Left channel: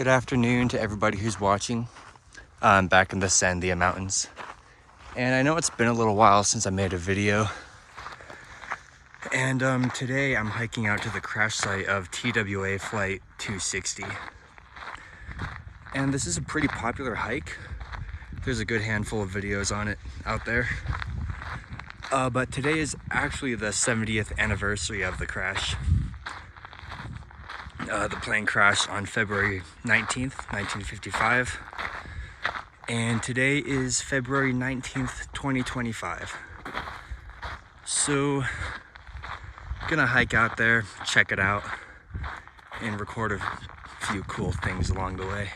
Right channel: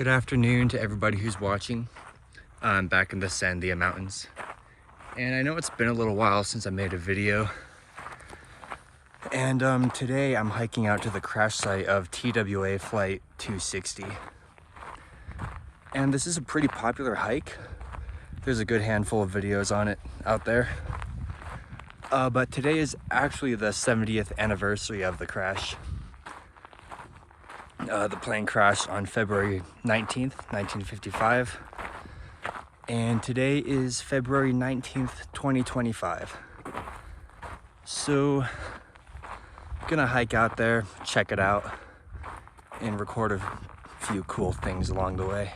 Good afternoon to everybody who's watching. I'm back in the Sandia Mountains. And I know it's been a little while since I made a video. And today I'm hiking out to the crash site of TWA flight 260. And this is a pretty popular hike. There's a good handful of videos on it out there. But today is actually the 70th anniversary of the crash. The plane crashed on February 19th, 1955. And today is February 19th, 2025. So, gonna hike out there, check it out, and record a few cool things along the way.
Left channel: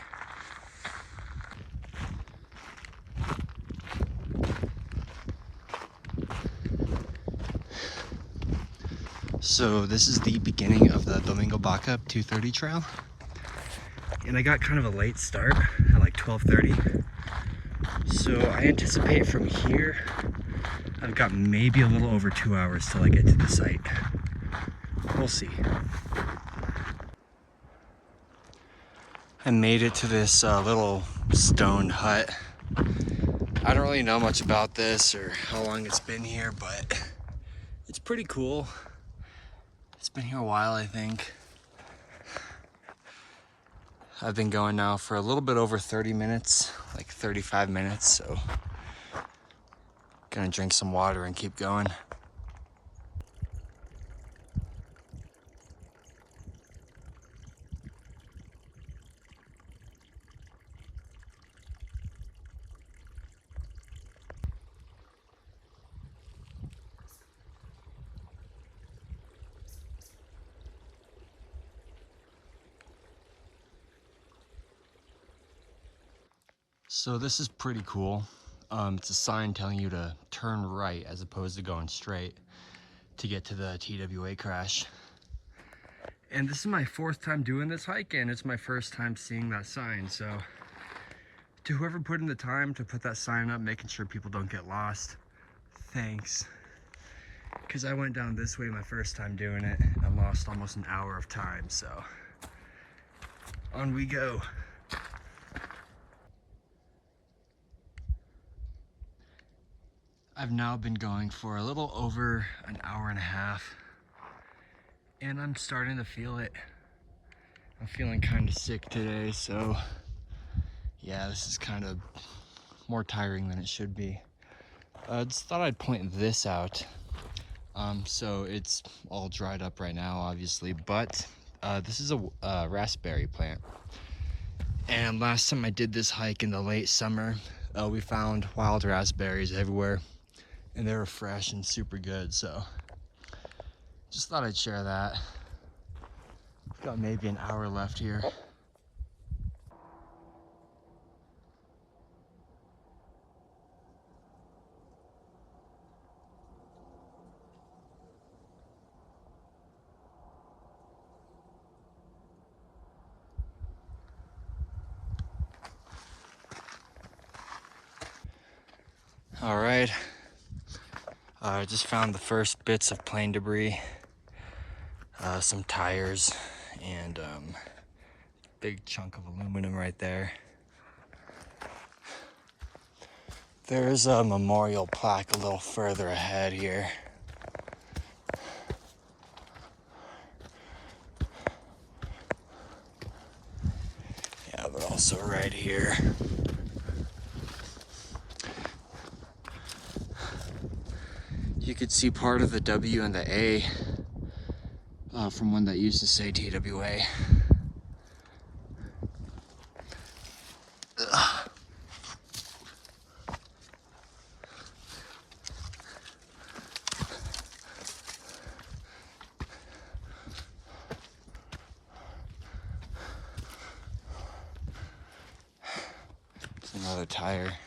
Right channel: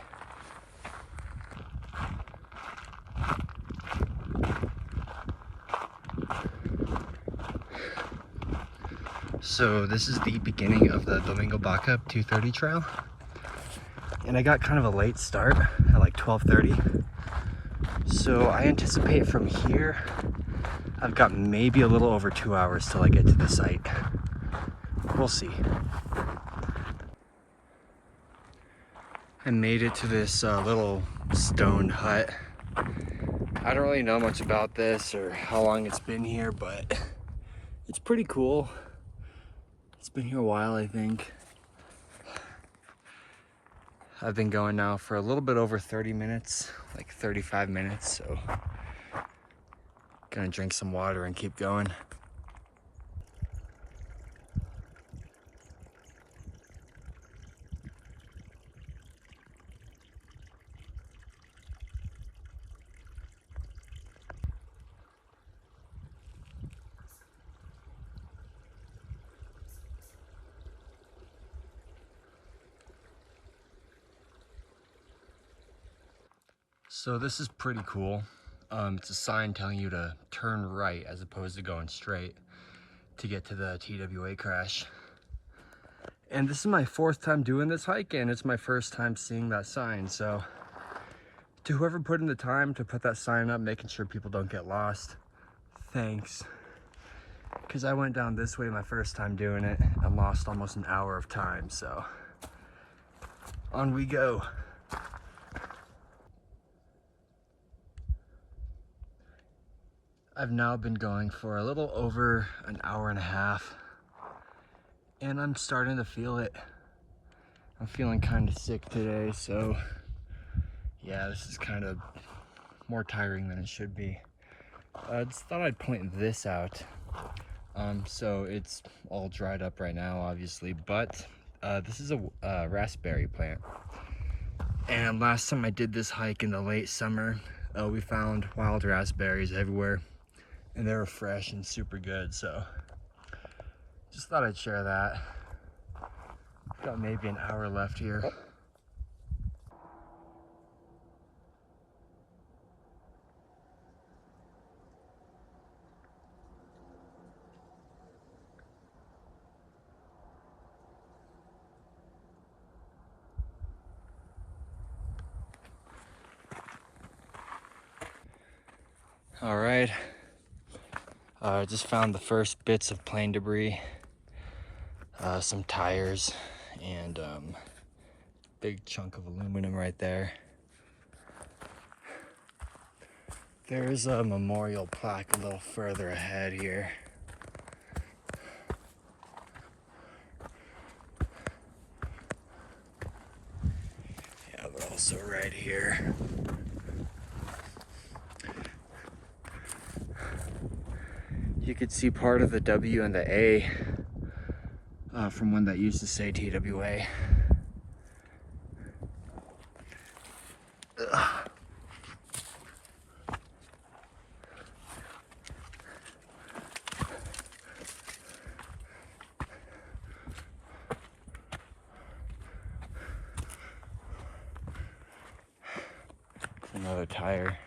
So this is the beginning of the Domingo Backup 230 trail. And I got kind of a late start at like 12:30. So I anticipate from here, I've got maybe a little over 2 hours till I get to the site. We'll see. I made it to this little stone hut. I don't really know much about this or how long it's been here, but it's pretty cool. It's been here a while, I think. I've been going now for a little bit over 30 minutes, like 35 minutes, so gonna drink some water and keep going. So this is pretty cool. It's a sign telling you to turn right as opposed to going straight to get to the TWA crash. And this is my fourth time doing this hike, and it's my first time seeing that sign. So to whoever put in the time to put that sign up, making sure people don't get lost, thanks. Because I went down this way my first time doing it and lost almost an hour of time, so on we go. I've now been going for a little over an hour and a half, and I'm starting to feel it. I'm feeling kind of sick today, so yeah, this is kind of more tiring than it should be. I just thought I'd point this out. So it's all dried up right now, obviously, but this is a raspberry plant. And last time I did this hike in the late summer, we found wild raspberries everywhere. And they were fresh and super good, so just thought I'd share that. Got maybe an hour left here. All right. I just found the first bits of plane debris, some tires, and big chunk of aluminum right there. There's a memorial plaque a little further ahead here. Yeah, but also right here. You could see part of the W and the A from one that used to say TWA. Ugh. It's another tire.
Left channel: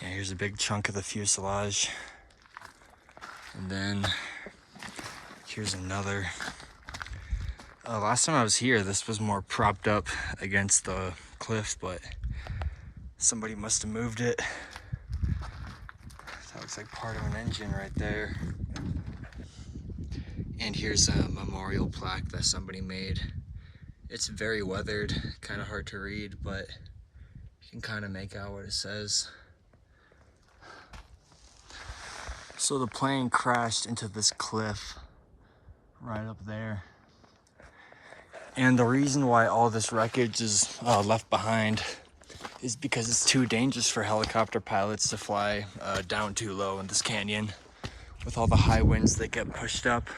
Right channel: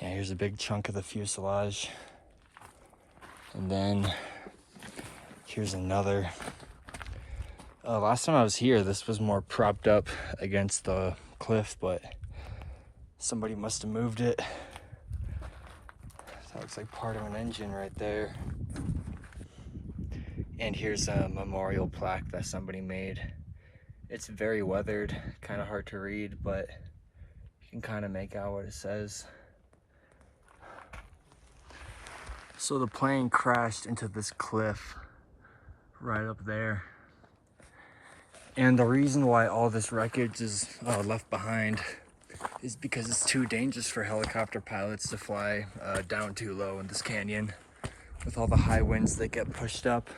Yeah, here's a big chunk of the fuselage. And then here's another. Last time I was here, this was more propped up against the cliff, but somebody must have moved it. That looks like part of an engine right there. And here's a memorial plaque that somebody made. It's very weathered, kind of hard to read, but you can kind of make out what it says. So the plane crashed into this cliff right up there. And the reason why all this wreckage is left behind is because it's too dangerous for helicopter pilots to fly down too low in this canyon with all the high winds that get pushed up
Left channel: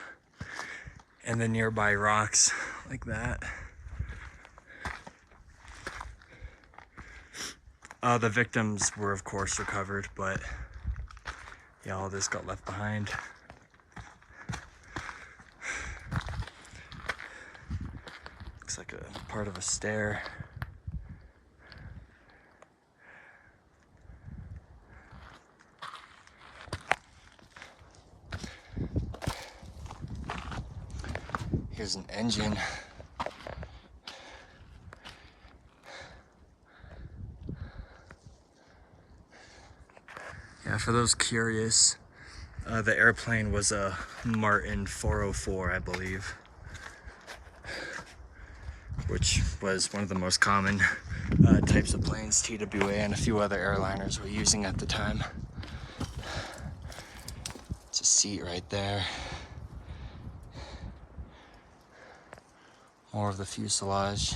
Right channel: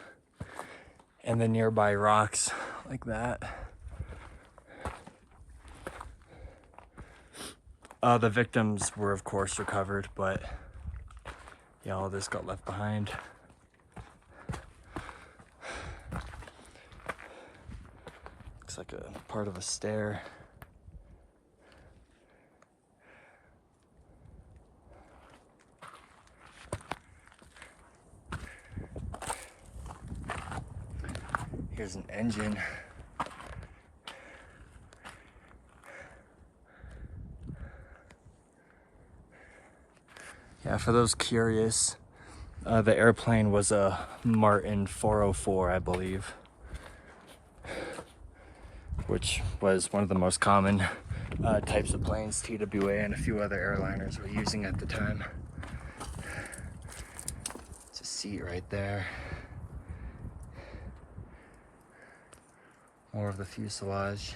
and the nearby rocks like that. The victims were of course recovered, but yeah, all this got left behind. Looks like a part of a stair. Here's an engine. Yeah, for those curious, the airplane was a Martin 404, I believe, which was one of the most common types of planes TWA and a few other airliners were using at the time. It's a seat right there. More of the fuselage.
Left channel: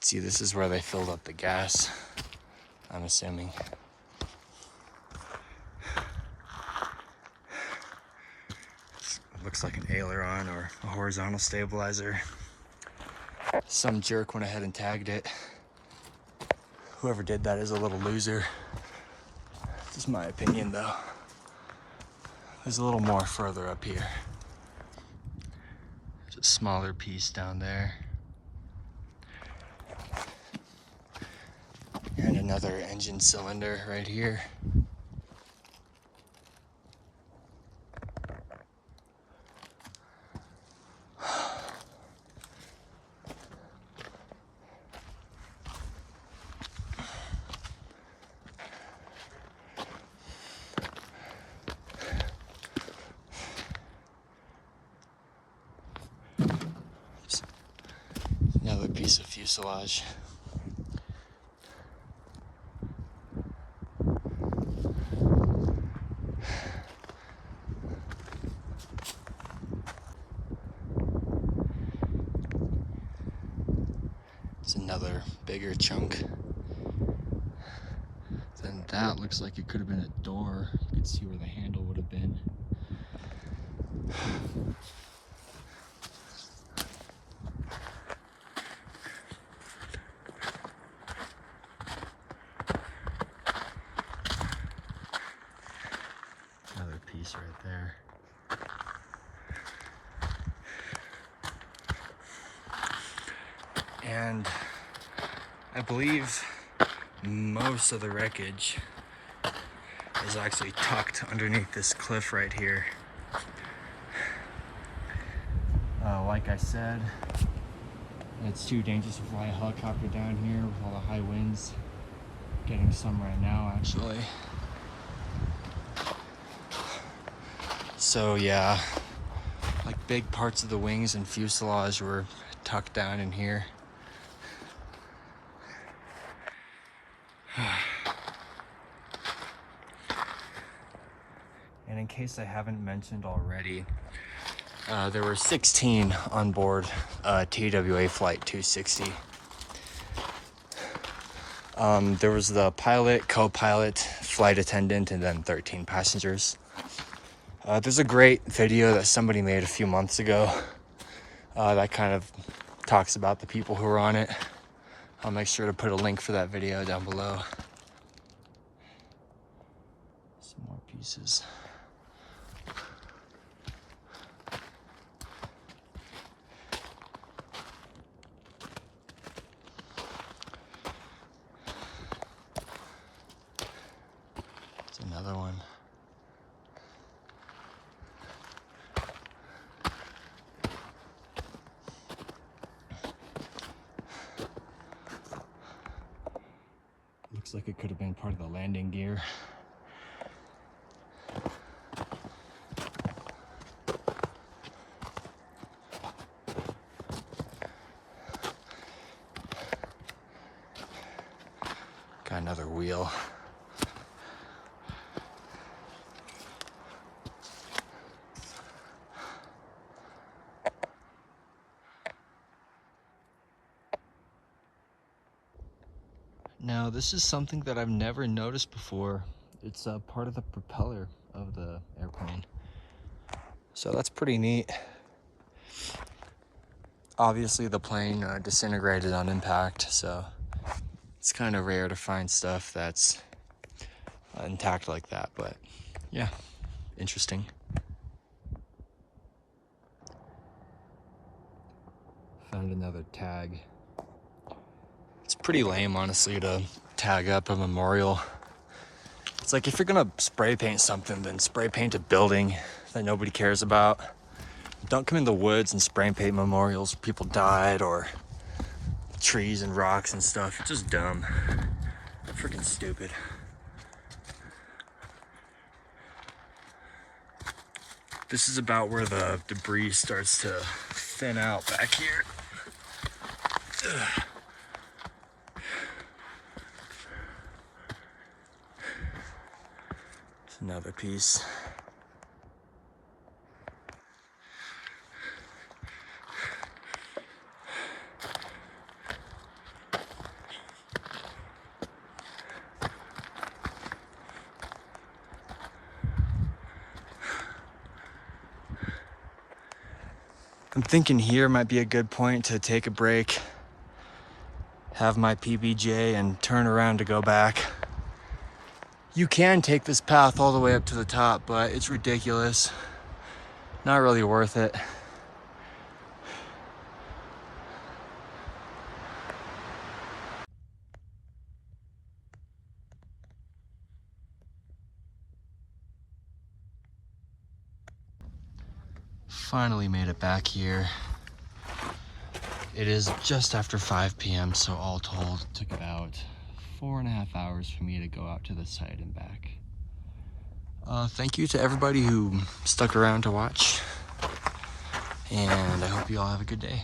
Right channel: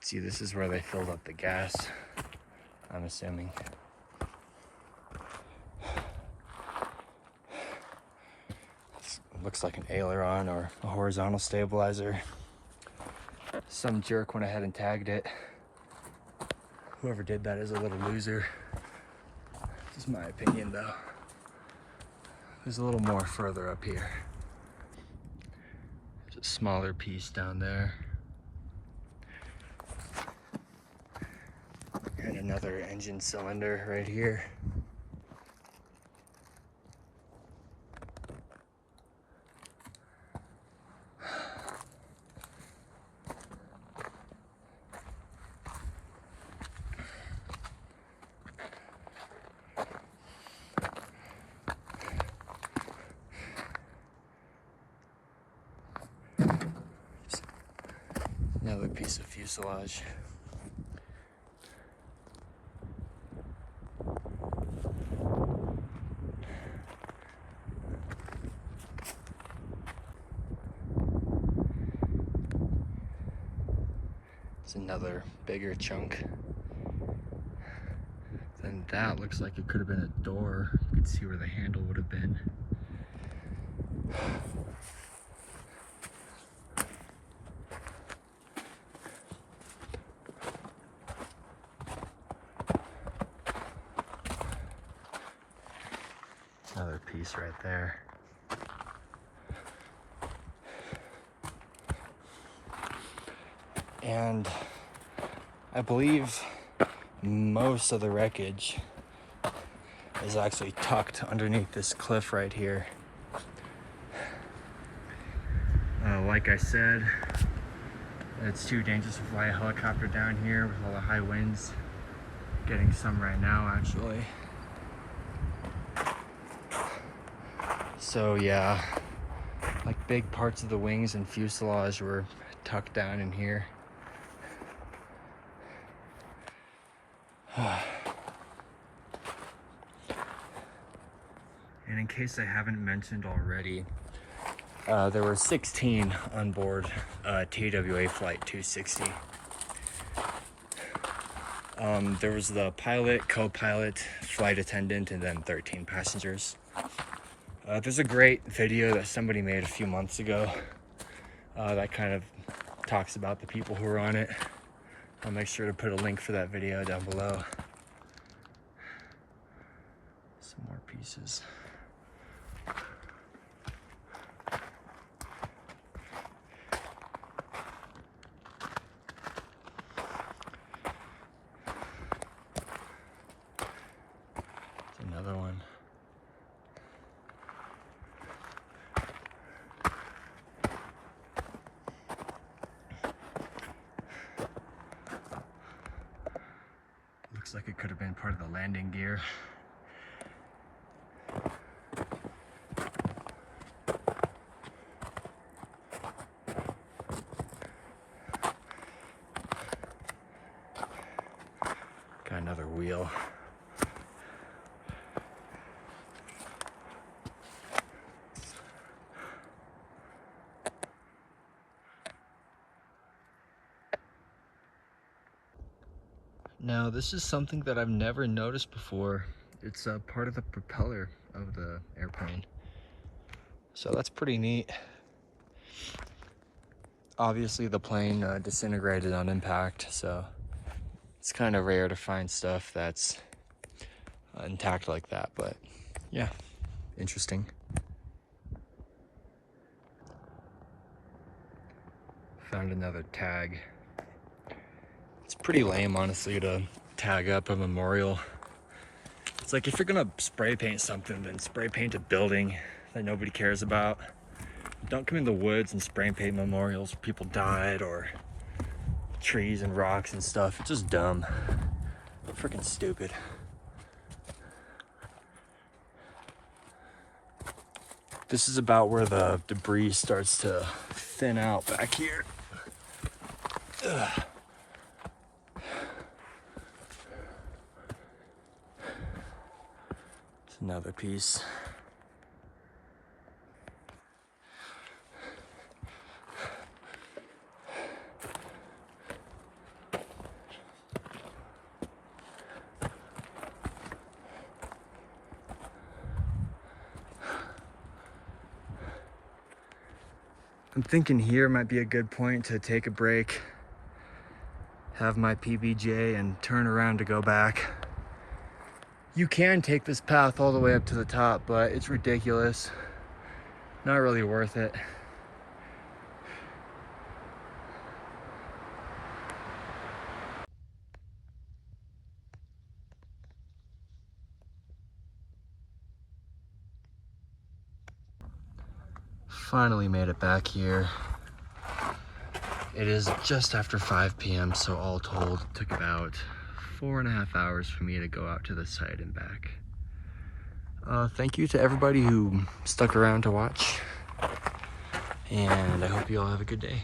See, this is where they filled up the gas, I'm assuming. Looks like an aileron or a horizontal stabilizer. Some jerk went ahead and tagged it. Whoever did that is a little loser. This is my opinion though. There's a little more further up here. There's a smaller piece down there. And another engine cylinder right here. Another piece of fuselage. It's another bigger chunk. Then that looks like it could have been a door. You can see where the handle would have been. Another piece right there. And I believe most of the wreckage is actually tucked underneath this cliff right here. Like I said, it's too dangerous to fly a helicopter down here with all the high winds. Getting some right now, actually. So yeah, like big parts of the wings and fuselage were tucked down in here. And in case I haven't mentioned already, there were 16 on board TWA Flight 260. There was the pilot, co-pilot, flight attendant, and then 13 passengers. There's a great video that somebody made a few months ago that kind of talks about the people who were on it. I'll make sure to put a link for that video down below. Some more pieces. It's another one. Looks like it could have been part of the landing gear. Got another wheel. Now, this is something that I've never noticed before. It's a part of the propeller of the airplane. So that's pretty neat. Obviously, the plane disintegrated on impact, so it's kind of rare to find stuff that's intact like that, but yeah, interesting. Found another tag. It's pretty lame, honestly, to tag up a memorial. It's like, if you're gonna spray paint something, then spray paint a building that nobody cares about. Don't come in the woods and spray paint memorials where people died, or trees and rocks and stuff. It's just dumb. Freaking stupid. This is about where the debris starts to thin out back here. Ugh. Another piece. I'm thinking here might be a good point to take a break, have my PBJ, and turn around to go back. You can take this path all the way up to the top, but it's ridiculous. Not really worth it. Finally made it back here. It is just after 5 p.m., so all told, it took about 4.5 hours for me to go out to the site and back. Thank you to everybody who stuck around to watch, and I hope you all have a good day.